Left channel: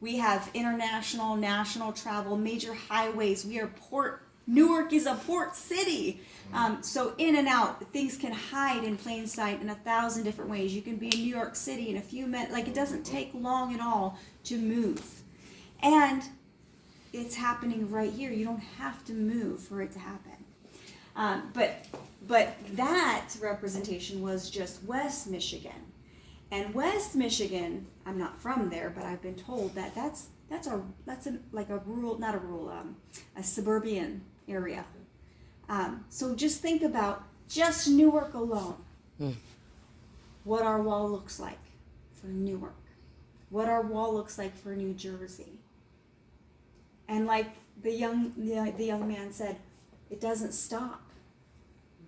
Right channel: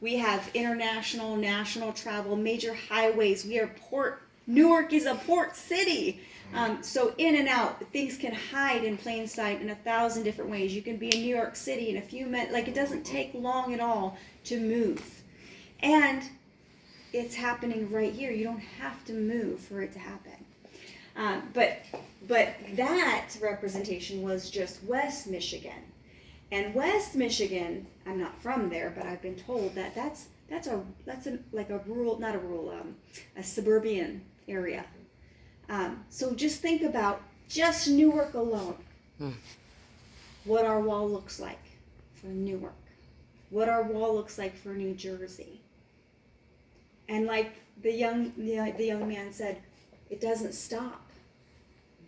We have international, national travel, major highways. Newark is a port city. So in and out, things can hide in plain sight in 1,000 different ways. You can be in New York City in a few minutes. Like, it doesn't take long at all to move. And it's happening right here. You don't have to move for it to happen. But that representation was just West Michigan. And West Michigan, I'm not from there, but I've been told that that's a suburban area. So just think about just Newark alone. What our wall looks like for Newark. What our wall looks like for New Jersey. And like the young man said, it doesn't stop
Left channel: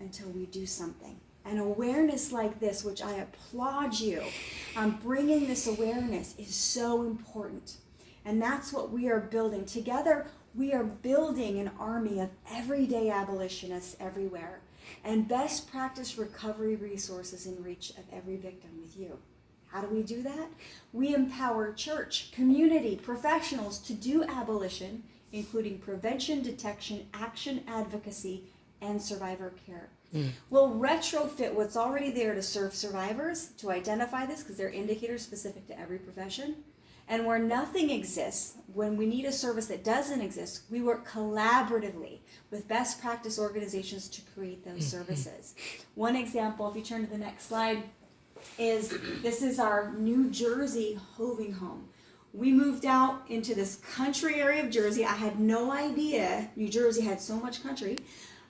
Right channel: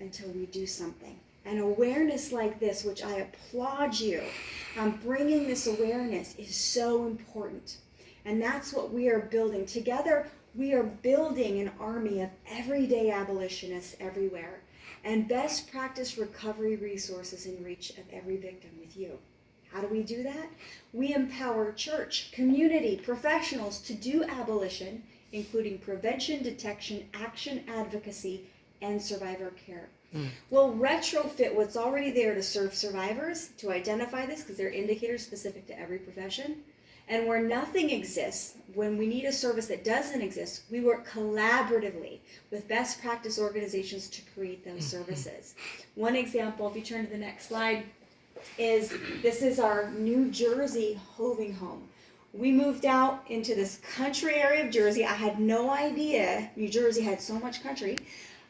until we do something. An awareness like this, which I applaud you, bringing this awareness is so important. And that's what we are building. Together, we are building an army of everyday abolitionists everywhere, and best practice recovery resources in reach of every victim with you. How do we do that? We empower church, community, professionals to do abolition, including prevention, detection, action, advocacy, and survivor care. We'll retrofit what's already there to serve survivors, to identify this, because they're indicators specific to every profession. And where nothing exists, when we need a service that doesn't exist, we work collaboratively with best practice organizations to create those services. One example, if you turn to the next slide, this is our New Jersey hoving home. We moved out into this country area of Jersey. I had no idea New Jersey had so much country.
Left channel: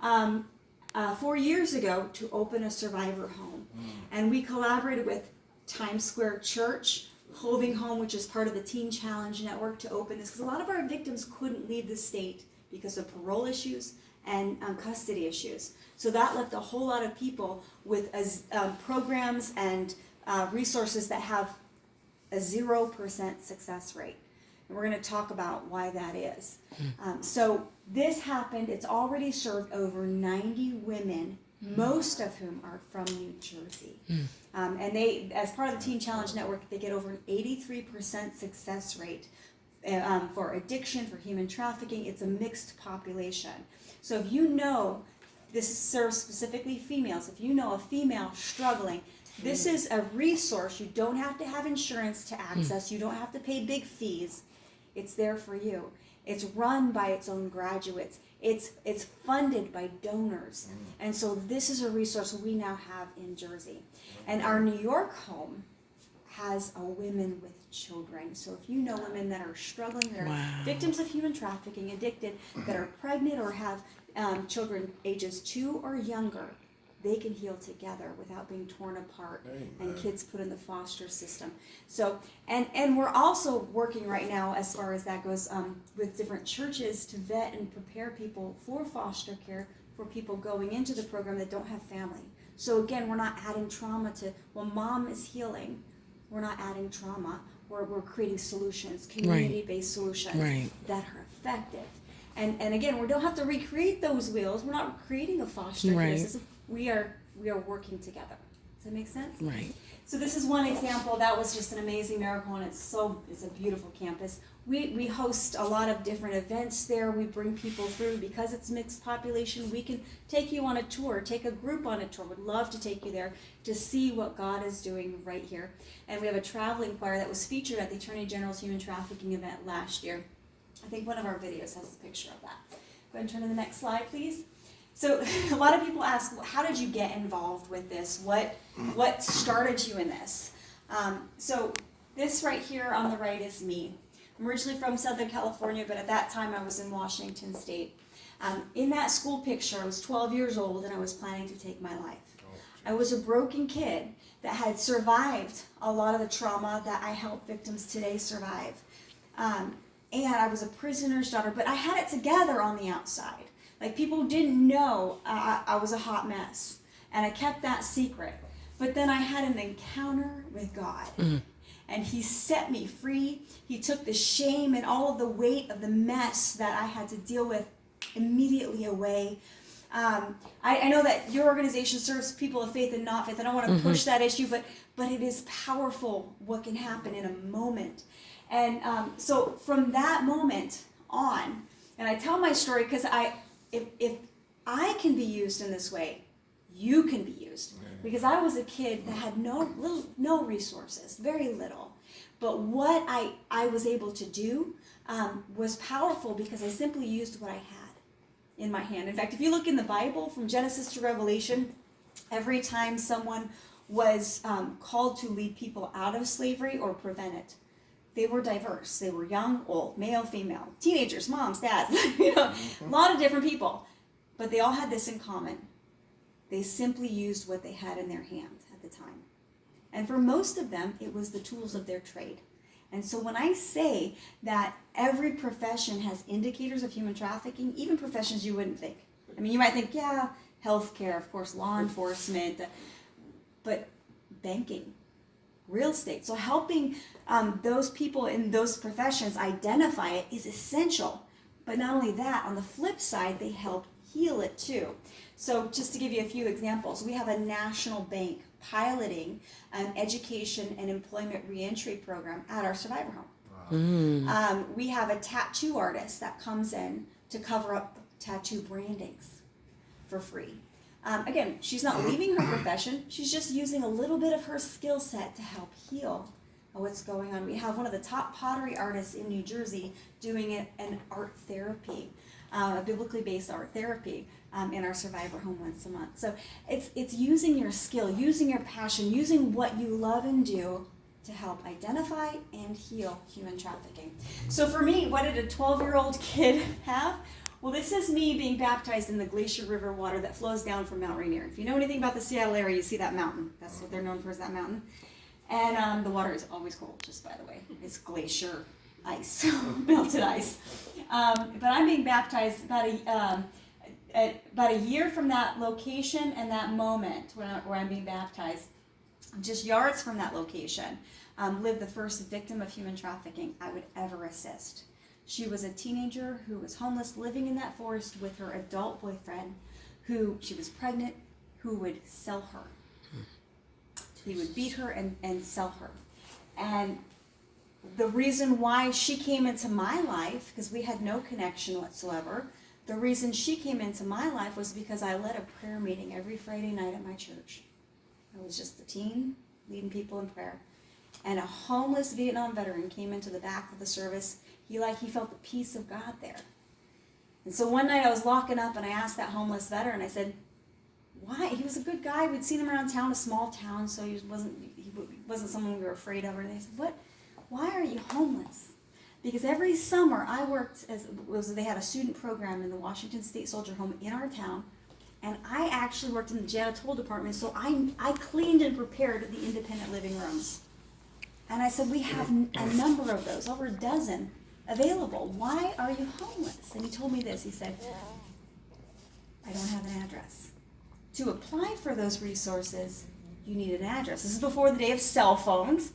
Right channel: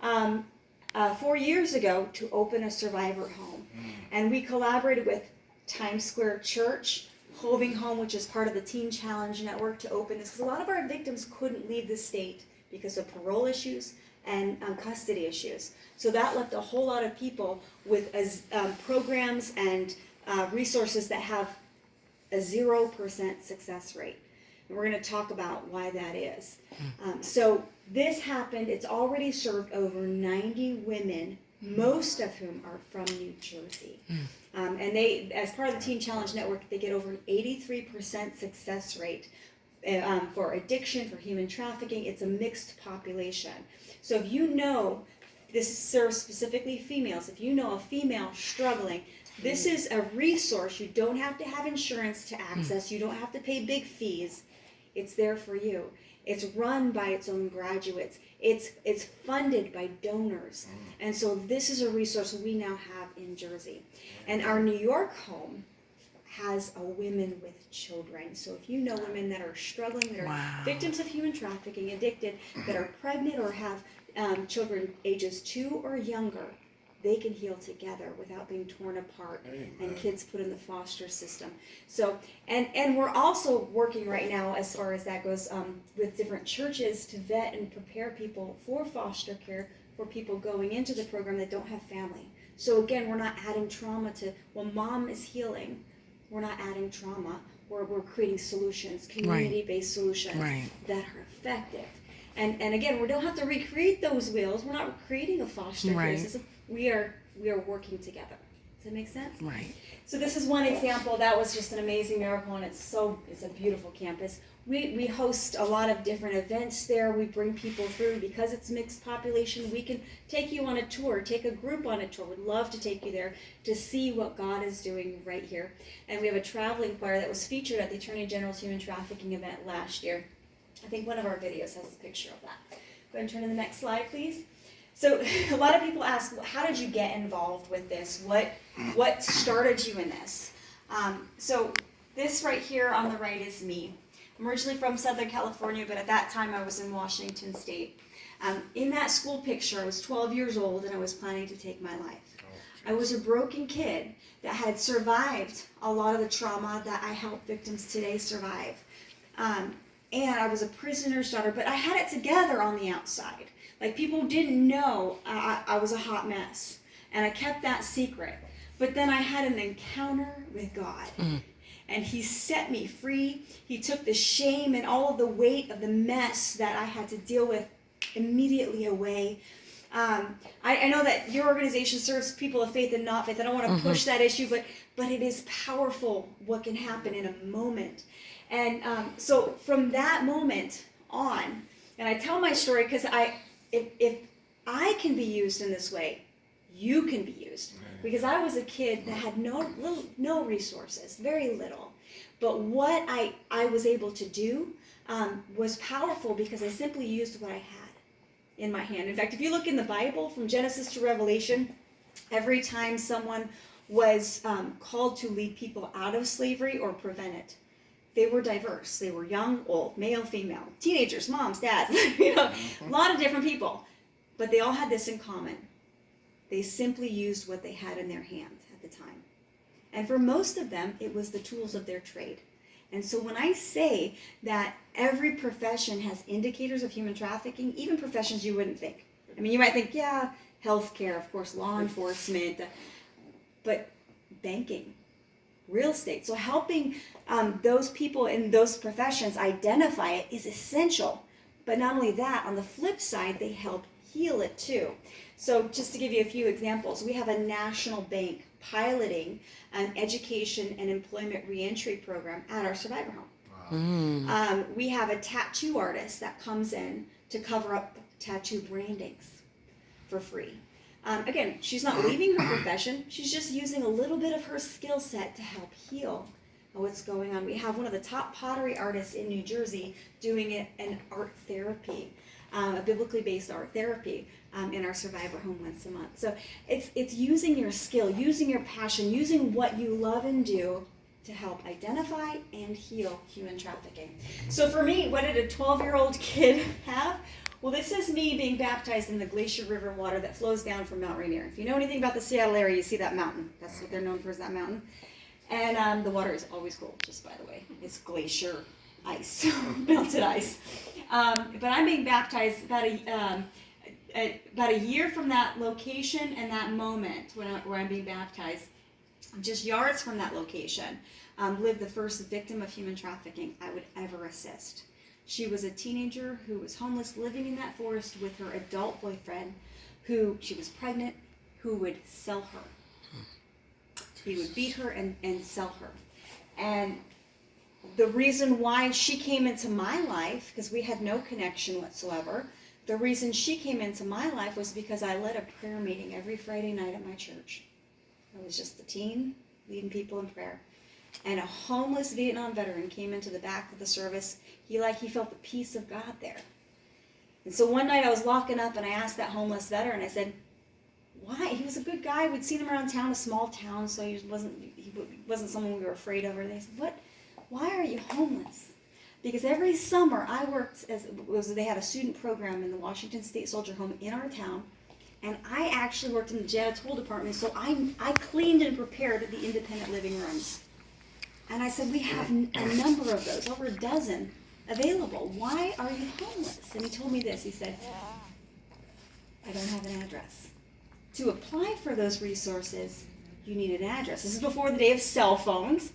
4 years ago to open a survivor home. And we collaborated with Times Square Church, Hoving Home, which is part of the Teen Challenge Network, to open this, because a lot of our victims couldn't leave the state because of parole issues and custody issues. So that left a whole lot of people with programs and resources that have a 0% success rate. And we're going to talk about why that is. So this happened. It's already served over 90 women, most of whom are from New Jersey. And they, as part of the Teen Challenge Network, they get over an 83% success rate for addiction, for human trafficking. It's a mixed population. So if you know, this serves specifically females, if you know a female struggling, this is a resource. You don't have to have insurance to access. You don't have to pay big fees. It's there for you. It's run by its own graduates. It's funded by donors. And so this is a resource we now have in Jersey. And our New York home has a women with children. So if you know women that are struggling, that are victims of human trafficking, addicted, that are pregnant or have children ages 2 or younger, they can heal together without being torn apart and kids put in the foster system. So, and we're also working right now, as far as that goes, with different churches to vet and prepare people for foster care for people going into the program that don't have family. So again, we're not adding trauma to, well, mom is healing. We're not adding trauma. We're creating solutions, community-based solutions that are effective. And again, we don't have to recreate those wheels. We're not creating a foster care system. We are working together. Does that make sense? Right. So this is one example. That was just an amazing miracle, and it's a beautiful campus. We host a lot of different events there. We bring people through because it's mixed population. We can take you on a tour, take a group on a tour. We'd love to take you there to see what God is doing right here. And we have a traveling choir that was featured at the Attorney General's Human Trafficking event last year. I think one of our videos has a picture of that. Go ahead and turn to the next slide, please. So a lot of people ask, well, how did you get involved with this? What started you in this? So this right here on the right is me. I'm originally from Southern California, but at that time I was in Washington State. In that school picture, I was 12 years old and I was planning to take my life. I was a broken kid that had survived a lot of the trauma that I help victims today survive. And I was a prisoner's daughter, but I had it together on the outside. Like, people didn't know I was a hot mess. And I kept that secret. But then I had an encounter with God. And he set me free. He took the shame and all of the weight of the mess that I had to deal with immediately away. I know that your organization serves people of faith and not faith. I don't want to push that issue, but it is powerful what can happen in a moment. And so from that moment on, and I tell my story because if I can be used in this way, you can be used. Because I was a kid that had no resources, very little. But what I was able to do was powerful because I simply used what I had in my hand. In fact, if you look in the Bible from Genesis to Revelation, every time someone was called to lead people out of slavery or prevent it, they were diverse. They were young, old, male, female, teenagers, moms, dads, a lot of different people. But they all had this in common. They simply used what they had in their hand at the time. And for most of them, it was the tools of their trade. And so when I say that every profession has indicators of human trafficking, even professions you wouldn't think. I mean, you might think, yeah, healthcare, of course, law enforcement, but banking, real estate. So helping those people in those professions identify it is essential. But not only that, on the flip side, they help heal it too. So just to give you a few examples, we have a national bank piloting an education and employment reentry program at our survivor home. Wow. We have a tattoo artist that comes in to cover up tattoo brandings for free. Again, she's not leaving her profession. She's just using a little bit of her skill set to help heal what's going on. We have one of the top pottery artists in New Jersey doing an art therapy, a biblically based art therapy in our survivor home once a month. So it's using your skill, using your passion, using what you love and do to help identify and heal human trafficking. So for me, what did a 12-year-old kid have? Well, this is me being baptized in the Glacier River water that flows down from Mount Rainier. If you know anything about the Seattle area, you see that mountain. That's what they're known for, is that mountain. And the water is always cold, just by the way. It's glacier ice, melted ice. But I'm being baptized about a year from that location and that moment where I'm being baptized. Just yards from that location, lived the first victim of human trafficking I would ever assist. She was a teenager who was homeless, living in that forest with her adult boyfriend, who she was pregnant, who would sell her. He would beat her and sell her. And the reason why she came into my life, because we had no connection whatsoever, the reason she came into my life was because I led a prayer meeting every Friday night at my church. I was just a teen leading people in prayer. And a homeless Vietnam veteran came into the back of the service. He felt the peace of God there. And so one night I was locking up and I asked that homeless veteran, I said, why? He was a good guy. We'd seen him around town, a small town, so he wasn't someone we were afraid of. And they said, why are you homeless? Because every summer I worked they had a student program in the Washington State Soldier Home in our town. And I actually worked in the janitorial department, so I cleaned and prepared the independent living rooms. And I said, we have a number of those, over a dozen available. Why are you homeless? And he told me this. He said, I don't have an address. To apply for those resources, you need an address. This is before the day of cell phones.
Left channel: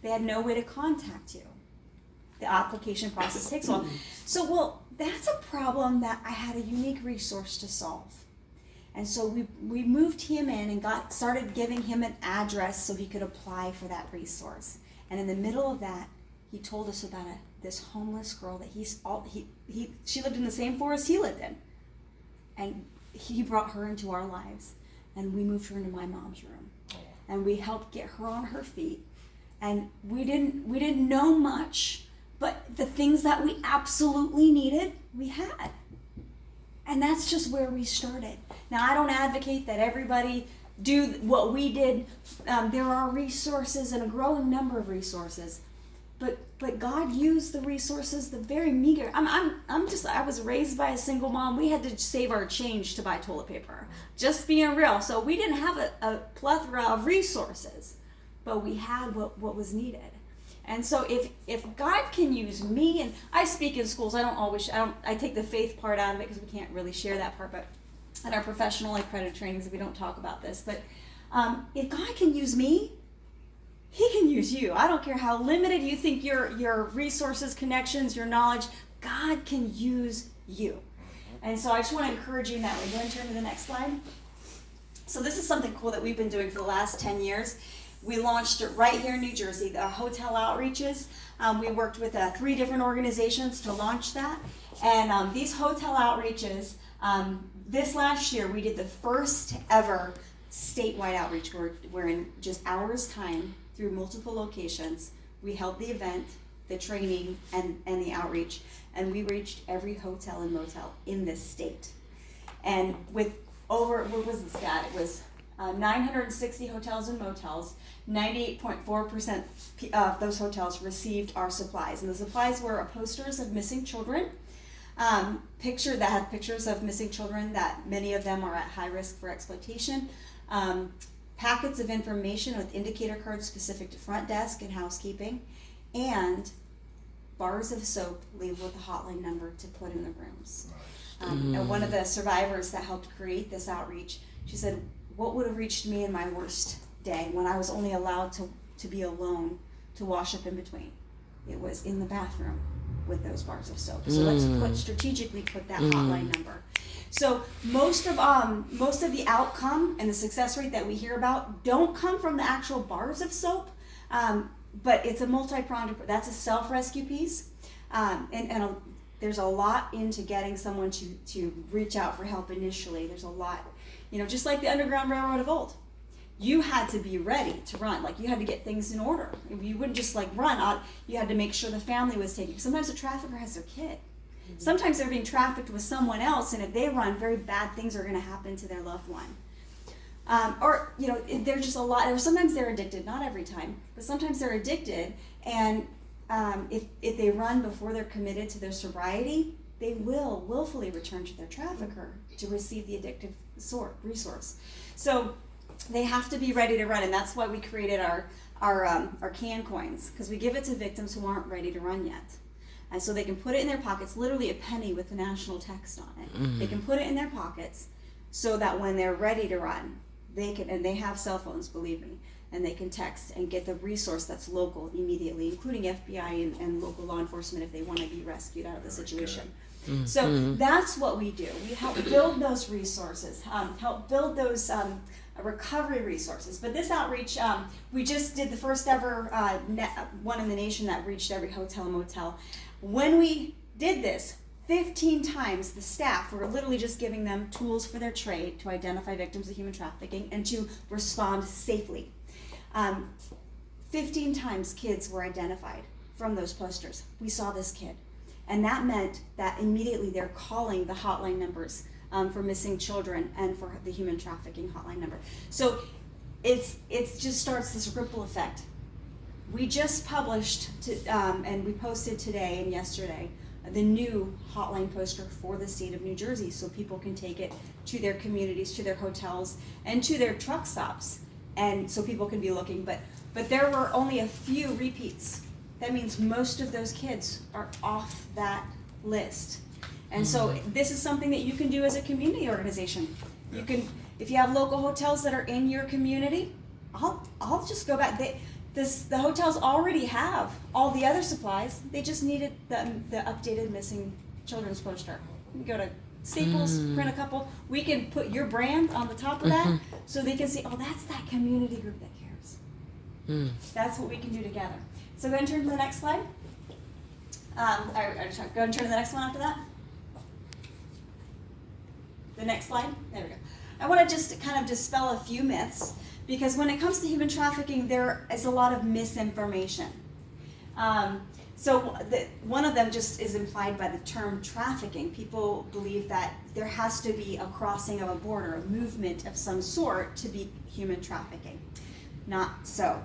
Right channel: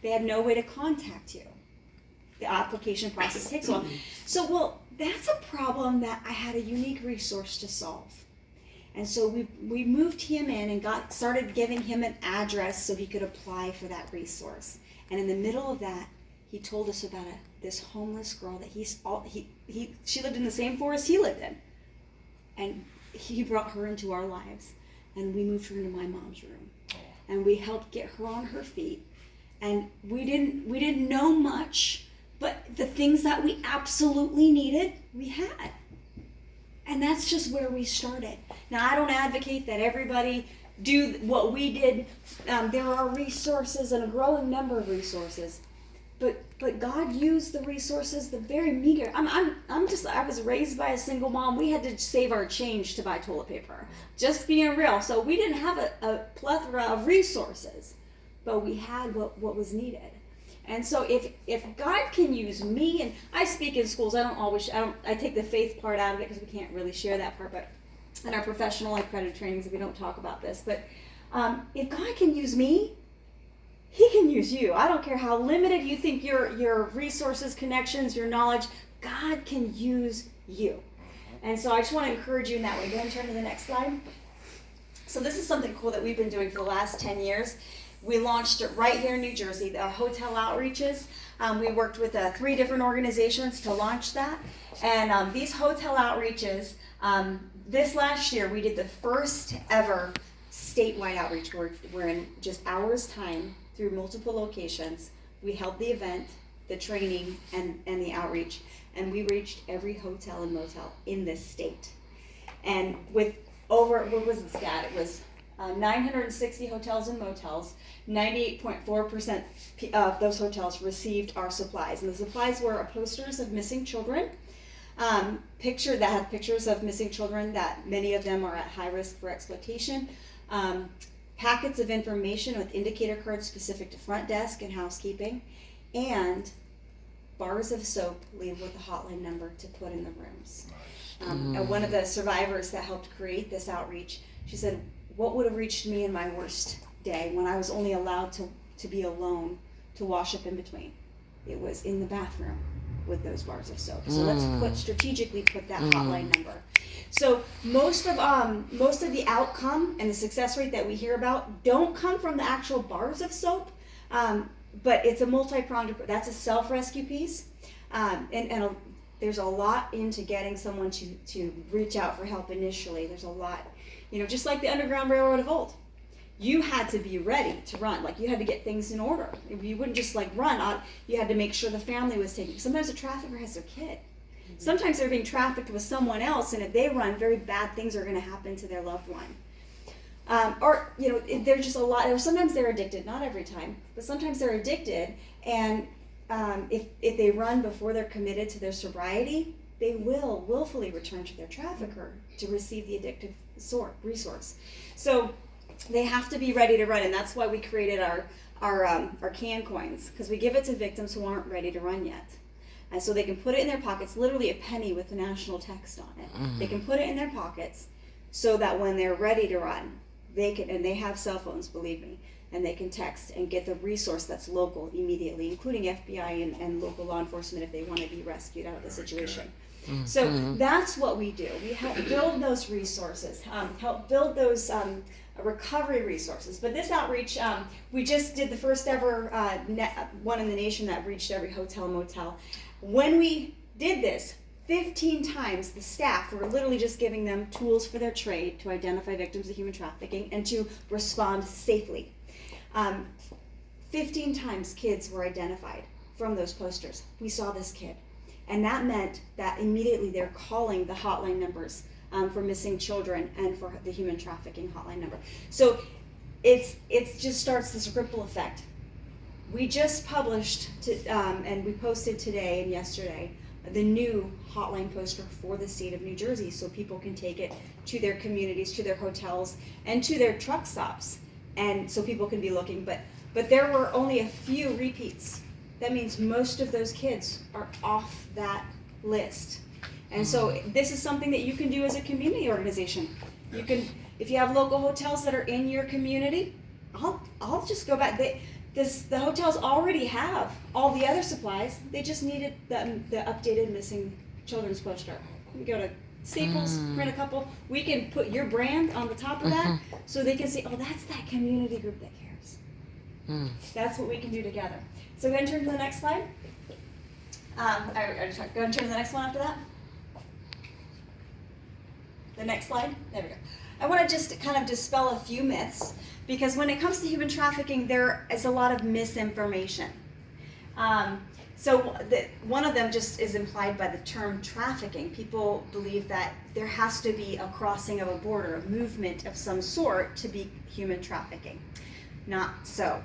They had no way to contact you. The application process takes a while. So, that's a problem that I had a unique resource to solve. And so we moved him in and started giving him an address so he could apply for that resource. And in the middle of that, he told us about this homeless girl that she lived in the same forest he lived in. And he brought her into our lives, and we moved her into my mom's room. And we helped get her on her feet. And we didn't know much, but the things that we absolutely needed, we had. And that's just where we started. Now, I don't advocate that everybody do what we did. There are resources and a growing number of resources, but God used the resources, the very meager. I was raised by a single mom. We had to save our change to buy toilet paper. Just being real. So we didn't have a plethora of resources, but we had what was needed. And so if God can use me, and I speak in schools, I take the faith part out of it because we can't really share that part, but in our professional and accredited trainings, we don't talk about this. But if God can use me, He can use you. I don't care how limited you think your resources, connections, your knowledge, God can use you. And so I just want to encourage you in that way. Go ahead and turn to the next slide. So this is something cool that we've been doing for the last 10 years. We launched it right here in New Jersey, the hotel outreaches. We worked with 3 different organizations to launch that. And these hotel outreaches, this last year we did the first ever statewide outreach where in just hours time through multiple locations, we held the event, the training, and the outreach. And we reached every hotel and motel in this state. And with over, what was the stat? It was 960 hotels and motels. 98.4% of those hotels received our supplies. And the supplies were posters of missing children, that had pictures of missing children that many of them are at high risk for exploitation, packets of information with indicator cards specific to front desk and housekeeping, and bars of soap labeled with a hotline number to put in the rooms. And one of the survivors that helped create this outreach, she said, what would have reached me in my worst day when I was only allowed to be alone to wash up in between? It was in the bathroom with those bars of soap. So let's strategically put that hotline number. So most of the outcome and the success rate that we hear about don't come from the actual bars of soap, but it's a multi-pronged. That's a self-rescue piece, and there's a lot into getting someone to reach out for help initially. There's a lot, just like the Underground Railroad of old. You had to be ready to run. Like, you had to get things in order. You wouldn't just run out. You had to make sure the family was taken. Sometimes a trafficker has their kid. Sometimes they're being trafficked with someone else, and if they run, very bad things are going to happen to their loved one. There's just a lot. Or sometimes they're addicted. Not every time, but sometimes they're addicted. And if they run before they're committed to their sobriety, they will willfully return to their trafficker to receive the addictive resource. So they have to be ready to run, and that's why we created our can coins, because we give it to victims who aren't ready to run yet. And so they can put it in their pockets, literally a penny with the national text on it. They can put it in their pockets so that when they're ready to run, they can, and they have cell phones, believe me, and they can text and get the resource that's local immediately, including FBI and local law enforcement if they want to be rescued out of the situation. So that's what we do. We help build those resources, help build those recovery resources. But this outreach, we just did the first ever one in the nation that reached every hotel and motel. When we did this, 15 times the staff were literally just giving them tools for their trade to identify victims of human trafficking and to respond safely. 15 times kids were identified from those posters. We saw this kid. And that meant that immediately they're calling the hotline numbers for missing children and for the human trafficking hotline number. So it just starts this ripple effect. We just published, and we posted today and yesterday, the new hotline poster for the state of New Jersey, so people can take it to their communities, to their hotels, and to their truck stops, and so people can be looking. But there were only a few repeats. That means most of those kids are off that list. And so this is something that you can do as a community organization. You can, if you have local hotels that are in your community, I'll just go back. The hotels already have all the other supplies. They just needed the updated missing children's poster. We go to Staples, print a couple. We can put your brand on the top of that so they can see, oh, that's that community group that cares. That's what we can do together. So go ahead and turn to the next slide. Go ahead and turn to the next one after that. The next slide. There we go. I want to just kind of dispel a few myths, because when it comes to human trafficking, there is a lot of misinformation. One of them just is implied by the term trafficking. People believe that there has to be a crossing of a border, a movement of some sort to be human trafficking. Not so.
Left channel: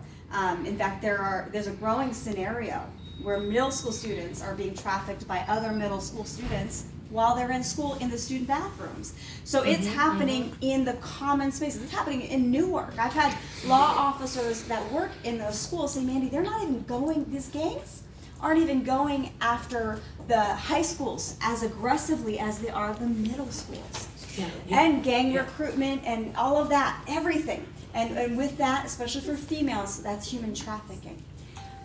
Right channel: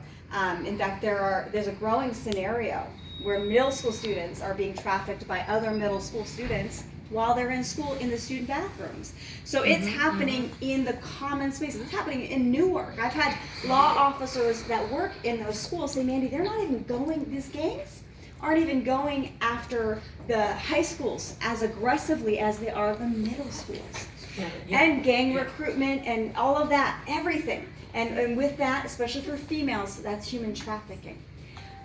In fact, there's a growing scenario where middle school students are being trafficked by other middle school students while they're in school in the student bathrooms. So it's happening in the common spaces. It's happening in Newark. I've had law officers that work in those schools say, Mandy, they're not even going, these gangs aren't even going after the high schools as aggressively as they are the middle schools. And gang recruitment and all of that, everything. And with that, especially for females, that's human trafficking.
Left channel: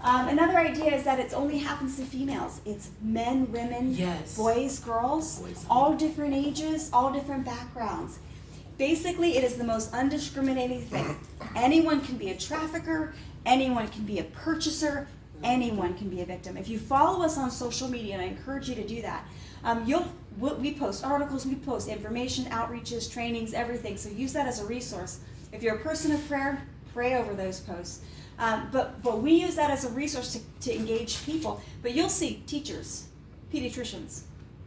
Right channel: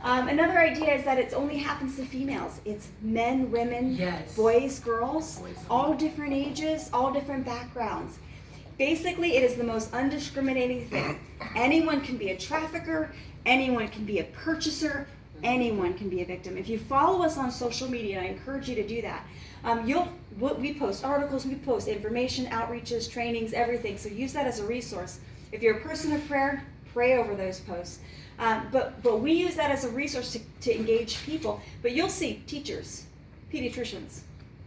Another idea is that it only happens to females. It's men, women, boys, girls, all different ages, all different backgrounds. Basically, it is the most undiscriminating thing. Anyone can be a trafficker, anyone can be a purchaser, anyone can be a victim. If you follow us on social media, and I encourage you to do that, we post articles, we post information, outreaches, trainings, everything. So use that as a resource. If you're a person of prayer, pray over those posts. But we use that as a resource to engage people. But you'll see teachers, pediatricians,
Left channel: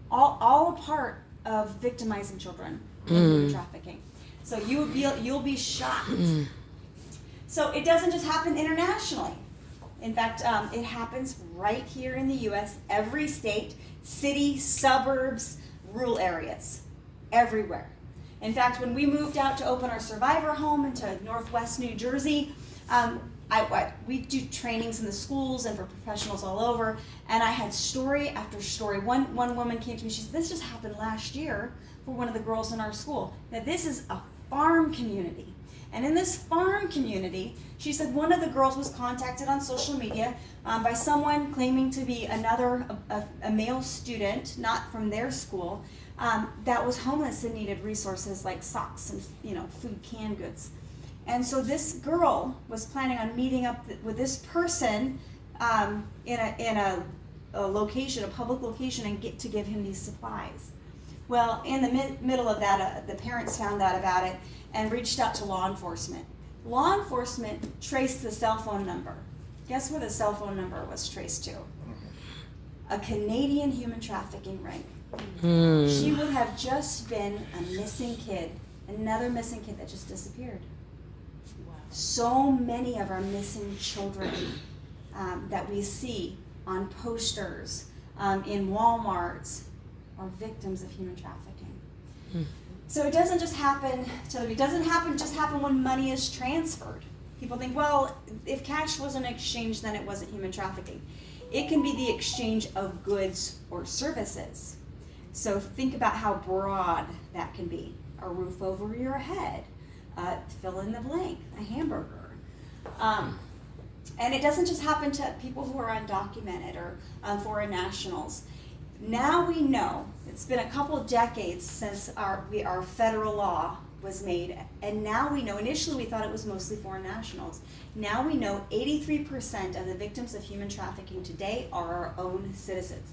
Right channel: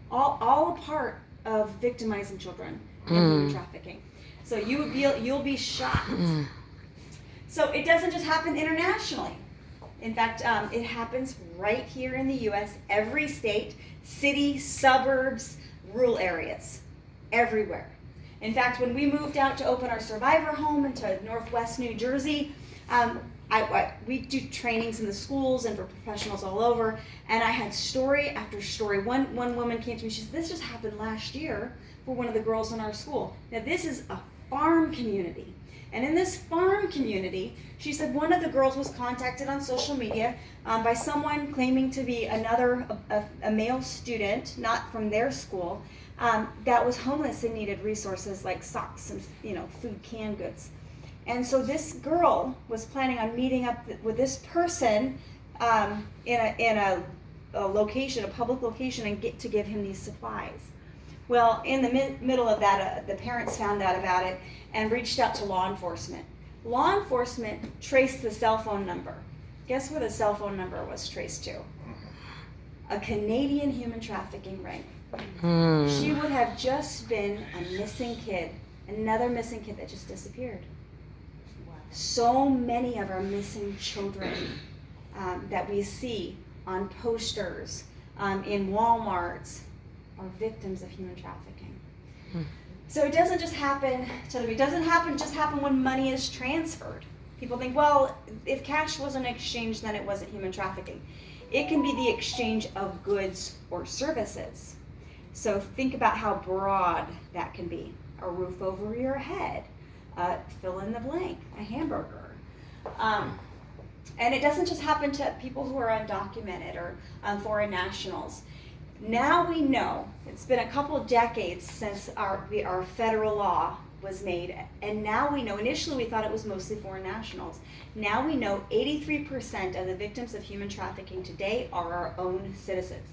all a part of victimizing children in human trafficking. So you'll be shocked. So it doesn't just happen internationally. In fact, it happens right here in the U.S., every state, city, suburbs, rural areas, everywhere. In fact, when we moved out to open our survivor home into Northwest New Jersey, we do trainings in the schools and for professionals all over, and I had story after story. One woman came to me, she said, this just happened last year for one of the girls in our school. Now this is a farm community, and in this farm community, she said one of the girls was contacted on social media by someone claiming to be a male student, not from their school, that was homeless and needed resources like socks and food, canned goods. And so this girl was planning on meeting up with this person in a location, a public location, and get to give him these supplies. Well, in the middle of that, the parents found out about it and reached out to law enforcement. Law enforcement traced the cell phone number. Guess where the cell phone number was traced to? A Canadian human trafficking ring. She would have just been a missing kid, another missing kid that just disappeared. So many of our missing children that we see on posters in Walmarts are victims of human trafficking. So it doesn't just happen it doesn't happen when money is transferred. People think, well, if cash wasn't exchanged, then it wasn't human trafficking. It can be the exchange of goods or services. So think about how broad that can be. A roof over your head, fill in the blank, a hamburger. And it doesn't just happen to people who are undocumented or foreign nationals. Now we know, it's been a couple of decades since our federal law was made, and now we know, initially we thought it was mostly foreign nationals. Now we know 83% of the victims of human trafficking today are our own citizens.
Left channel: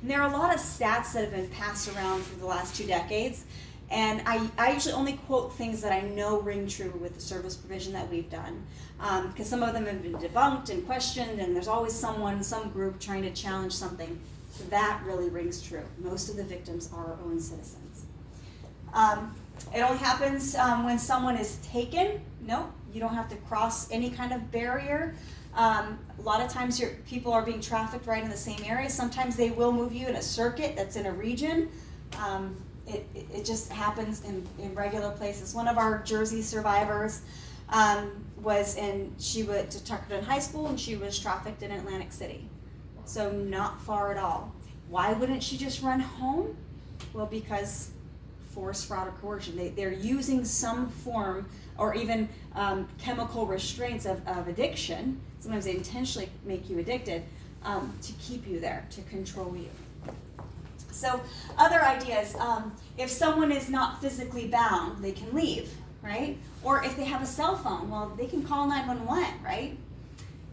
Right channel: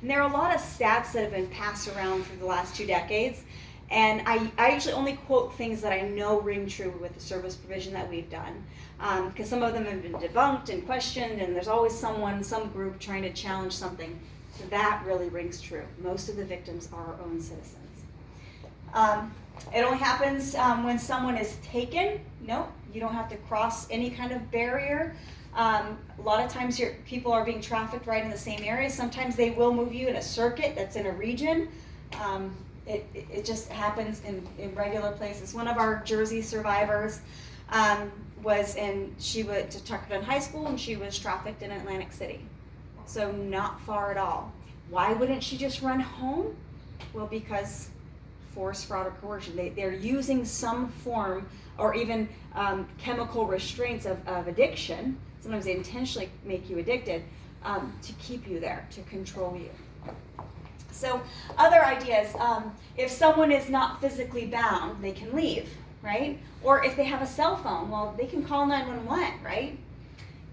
And there are a lot of stats that have been passed around for the last 2 decades, and I usually only quote things that I know ring true with the service provision that we've done, because some of them have been debunked and questioned, and there's always some group trying to challenge something. So that really rings true. Most of the victims are our own citizens. It only happens when someone is taken. No, you don't have to cross any kind of barrier. A lot of times people are being trafficked right in the same area. Sometimes they will move you in a circuit that's in a region. It just happens in regular places. One of our Jersey survivors she went to Tuckerton High School, and she was trafficked in Atlantic City. So not far at all. Why wouldn't she just run home? Well, because force, fraud, or coercion. They're using some form or even chemical restraints of addiction. Sometimes they intentionally make you addicted to keep you there, to control you. So other ideas, if someone is not physically bound, they can leave, right? Or if they have a cell phone, well, they can call 911, right?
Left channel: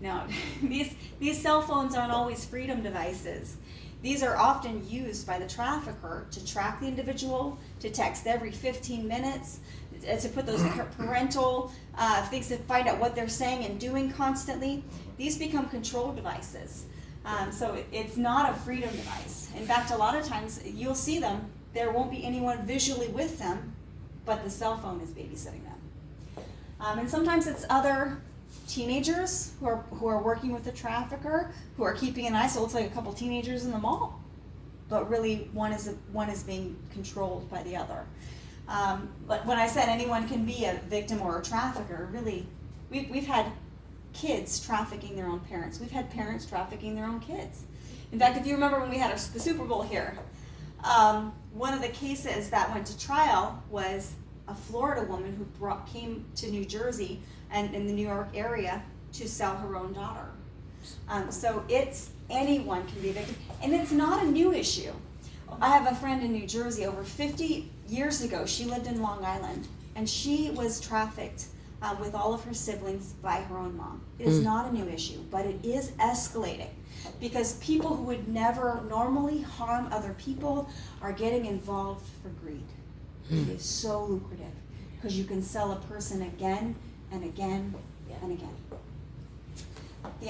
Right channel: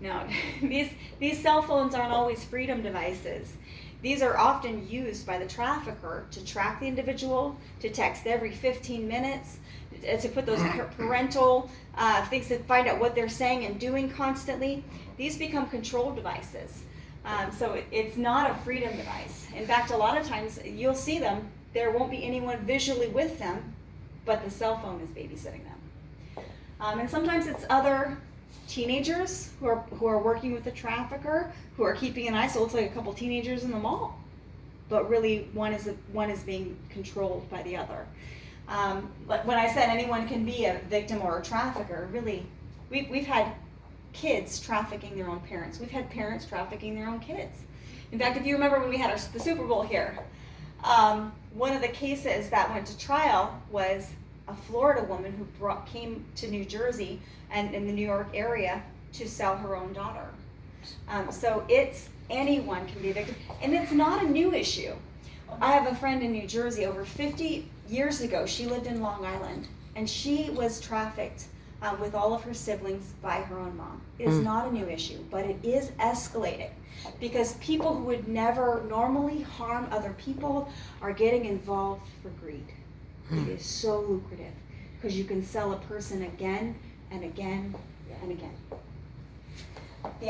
No, these cell phones aren't always freedom devices. These are often used by the trafficker to track the individual, to text every 15 minutes, to put those parental things to find out what they're saying and doing constantly. These become control devices. So it's not a freedom device. In fact, a lot of times you'll see them, there won't be anyone visually with them, but the cell phone is babysitting them. And sometimes it's other teenagers who are working with the trafficker, who are keeping an eye. So it looks like a couple teenagers in the mall, but really one is being controlled by the other. But when I said anyone can be a victim or a trafficker, really, we've had kids trafficking their own parents. We've had parents trafficking their own kids. In fact, if you remember when we had the Super Bowl here, one of the cases that went to trial was a Florida woman who came to New Jersey and in the New York area to sell her own daughter. So anyone can be a victim, and it's not a new issue. I have a friend in New Jersey. Over 50 years ago, she lived in Long Island, and she was trafficked with all of her siblings by her own mom. It is not a new issue, but it is escalating because people who would never normally harm other people are getting involved for greed. It is so lucrative because you can sell a person again and again and again. The